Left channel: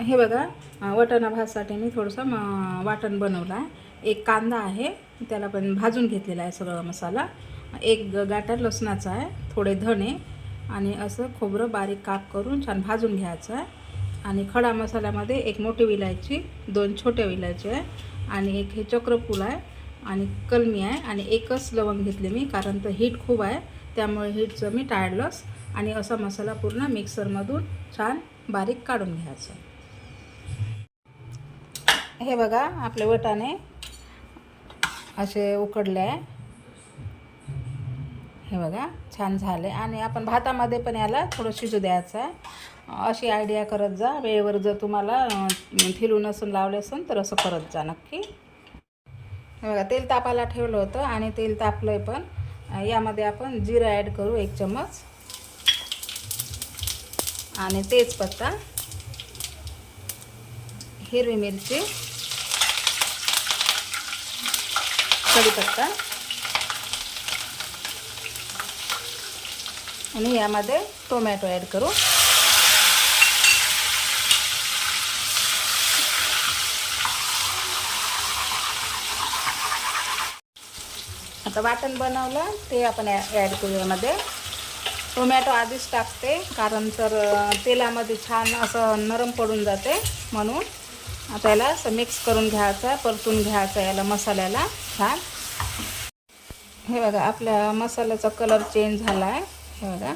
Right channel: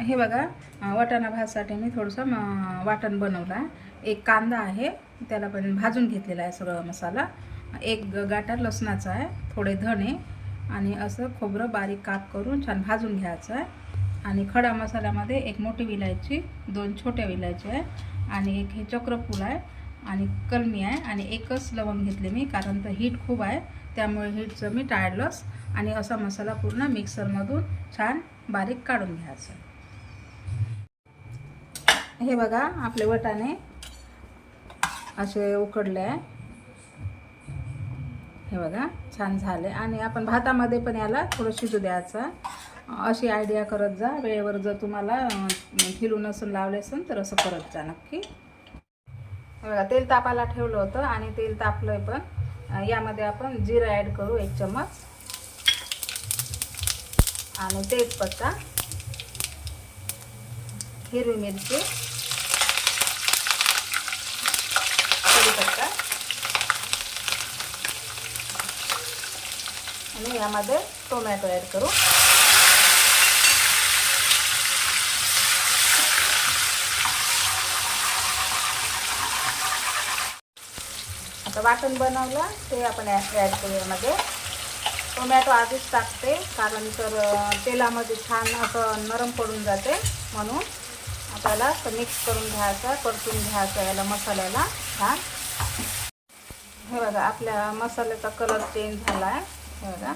हे बघा वाटाणा भातसाठी मी थोडंसं म- वाटण बनवलं आहे. एक कांदा आहे त्याला पण भाजून घेतलेला आहे सगळा मसाला. एक ग- गाठा लसणाचा आहे थोडे धणे आणि असं खोबरं बारीक काप करून छान भाजून घ्यायचं आहे. आणि खडा मसाल्यामध्ये एक मोठी विलायची दोन छोट्या विलायची आहे आणि एक हे चक्रफूल आहे आणि कलमी आहे आणि एकच लवंग घेतले मी कारण तर हीट खूप आहे. त्यामुळे हीटचं मी टाळलंच आणि असा मसाला पूर्ण मिक्सरमधून छान बारीक काढून घ्यायचं हे बघा आपले वटाणे असे उकडले आहे. हे बघा छान झाले. आणि आपण भातामध्ये पण याला थोडं शिजू द्यायचं अशी आयडिया करत जा. वेळेवर जर तुम्हाला फिरून फिरू नसून लावले असून तर असं करत जा नक्की. हे बघा तेल तापायला ठेवलं होतं आणि तेल तापलंय पण. यामध्ये आपण जिरा ॲड करू एक चम्मच. आणि तेजपत्ता हिरवी मिरची कढीपत्ता आणि यामध्ये टोमॅटो ॲड करू. आता वाटण बनवलं ते आपण ॲड करू यामध्ये. टोमॅटो आधीच टाकते कारण तर तेलामध्ये छान असं नरम पडून जाते म्हणून. आता याला असं मिक्स करून घ्यायचं परतून घ्यायचं याला मसाल्याला. छान. हे बघा आपल्या मसाल्याचा कलर चेंज झाला आहे हे बघा.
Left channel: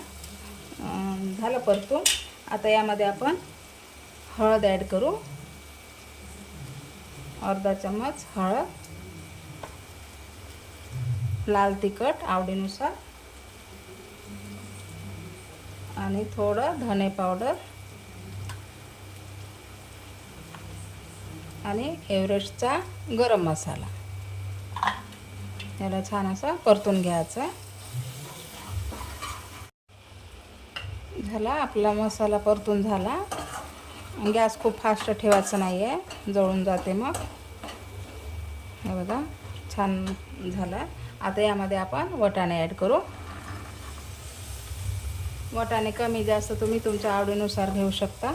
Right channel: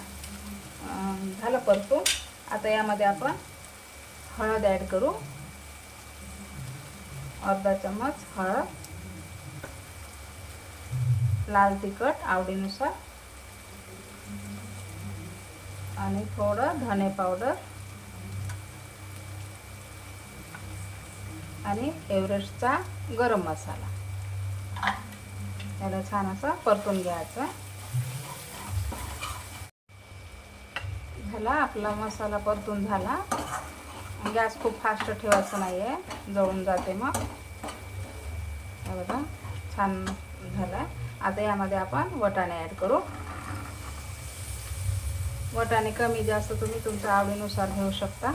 झालं परतून. आता यामध्ये आपण हळद ॲड करू. अर्धा चम्मच हळद. लाल तिखट आवडीनुसार. आणि थोडं धने पावडर आणि एव्हरेस्टचा गरम मसाला. त्याला छान असं परतून घ्यायचं. झाला आपला मसाला परतून झाला. गॅस खूप फास्ट ठेवायचा नाही आहे जळून जाते मग. हे बघा छान झाला. आता यामध्ये आपण वटाणे ॲड करू. वटाणे कमी जास्त तुम्ही तुमच्या आवडीनुसार घेऊ शकता.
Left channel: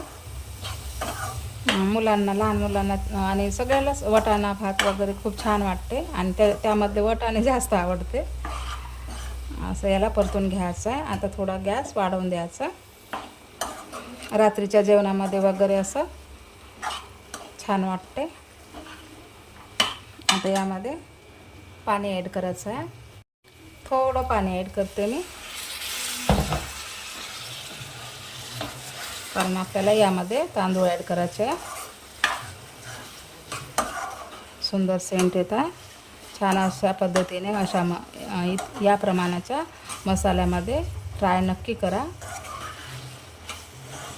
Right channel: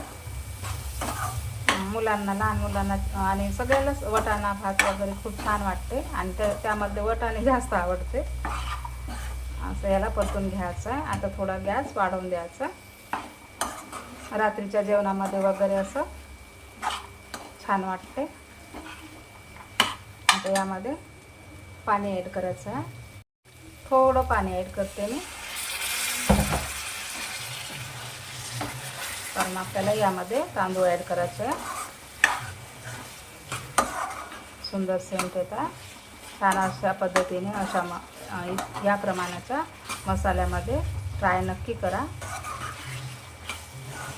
मुलांना लहान मुलांना आणि सगळ्यांनाच वटाणा भात वगैरे खूप छान वाटते. आणि त्या त्यामधले वटाणे जास्त आवडते. असं याला परतून घ्यायचं आहे. आता थोडा गॅस वाढवून द्यायचा. रात्रीच्या जेवणामध्ये वगैरे असं छान वाटते. आता यामध्ये पाणी ॲड करायचं आहे. थोडं पाणी ॲड करते मी. कारण आपल्याला यामध्ये तांदूळ ॲड करायचे सुंदर सेंट येतात. छान अशा पद्धतीने अशा म या प्रमाणाच्या मसाल्यामध्ये ट्राय नक्की करा.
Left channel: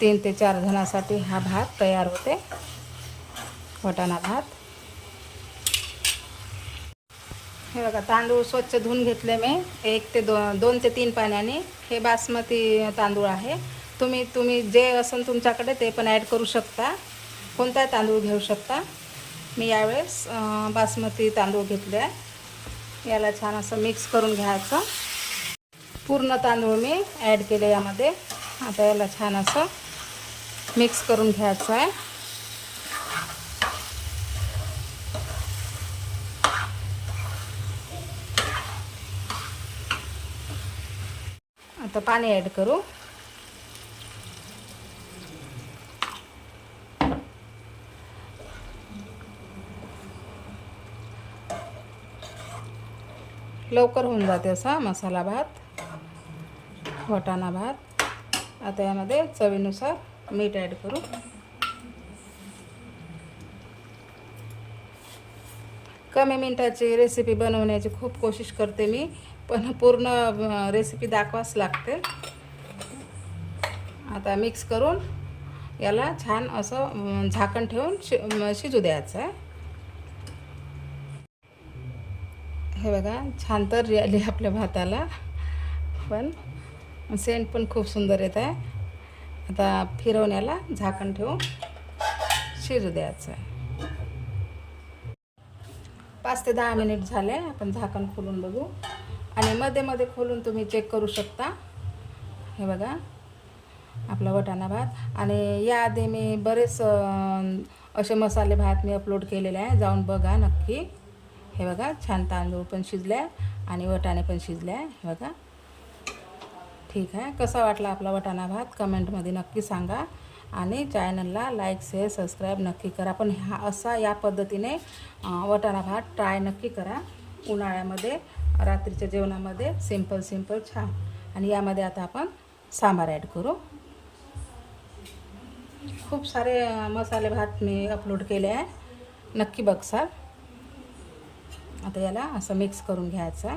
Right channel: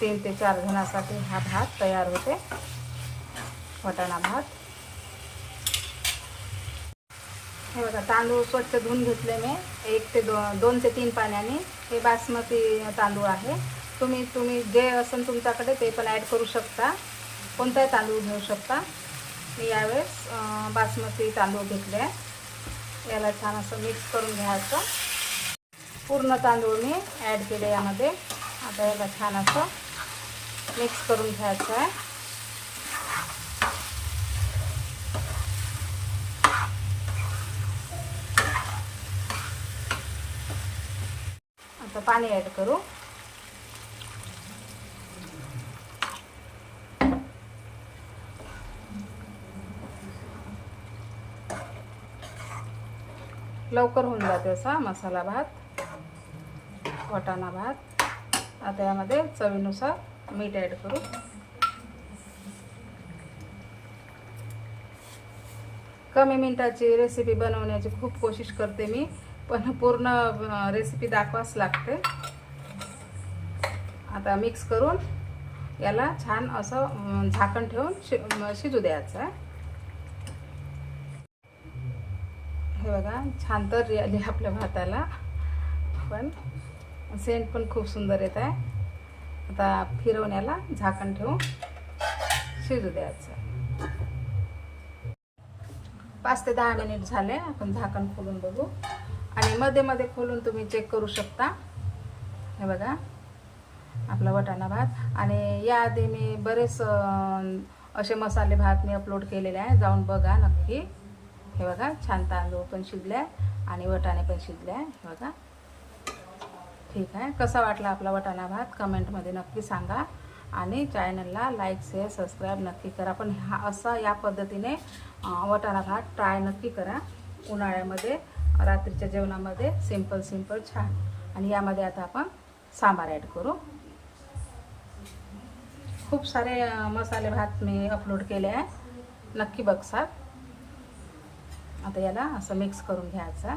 तीन ते चार जणांसाठी हा भात तयार होते. वटाणा भात. हे बघा तांदूळ स्वच्छ धुवून घेतले मी. एक ते दोन दोन ते तीन पाण्याने. हे बासमती तांदूळ आहे. तुम्ही तुम्ही जे असेल तुमच्याकडे ते पण ॲड करू शकता. कोणताही तांदूळ घेऊ शकता. मी यावेळेस बासमती तांदूळ घेतले आहे याला छान असं मिक्स करून घ्यायचं. पूर्ण तांदूळ मी ॲड केले यामध्ये. आता याला छान असं मिक्स करून घ्यायचं आहे. आता पाणी ॲड करू. लवकर होऊन जाते असा मसाला भात वटाणा भात. आता यामध्ये चवीनुसार मीठ ॲड करू. कमी मिनटाची रेसिपी बनवण्याची खूप कोशिश करते मी पण पूर्ण रेसिपी दाखवाच लागते. आता मिक्स करून याला छान असं झाकण ठेवून शि शिजू द्यायचं आहे. हे बघा छान तर आली आपल्या भाताला. पण सेंट पण खूप सुंदर येत आहे. आता फिरवण्याला झाकण ठेवून शिजू द्यायचं. आहे पाच ते दहा मिनिट झाले आपण झाकण खोलून बघू. आणि मध्ये मध्ये खोलून तुम्ही चेक करू शकता. हे बघा आपला वटाणा भात. आणि याआधी मी बरेच असे मसाले भात मी अपलोड केलेले आहे. जाऊन बघा नक्की. हे बघा छान तांदूळ पण शिजले आहे आणि वटाणे पण शिजले आहे. हे बघा. ठीक आहे. कसा वाटला आपला वटाणा भात? कमेंटमध्ये नक्की सांगा. आणि चॅनलला लाईक शेअर सबस्क्राईब नक्की करा. पण हा असा या पद्धतीने वटाणा भात ट्राय नक्की करा. उन्हाळ्यामध्ये रात्रीच्या जेवणामध्ये सिंपल सिंपल छान. आणि यामध्ये आता आपण सांबार ॲड करू. खूप सारे मसाले भात मी अपलोड केले आहे. नक्की बघसाल. आता याला असं मिक्स करून घ्यायचा.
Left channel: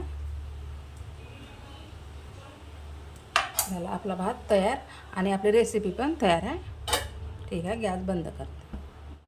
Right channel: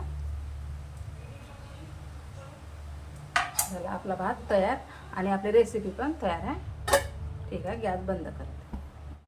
झाला आपला भात तयार आणि आपली रेसिपी पण तयार आहे. ठीक आहे गॅस बंद करते.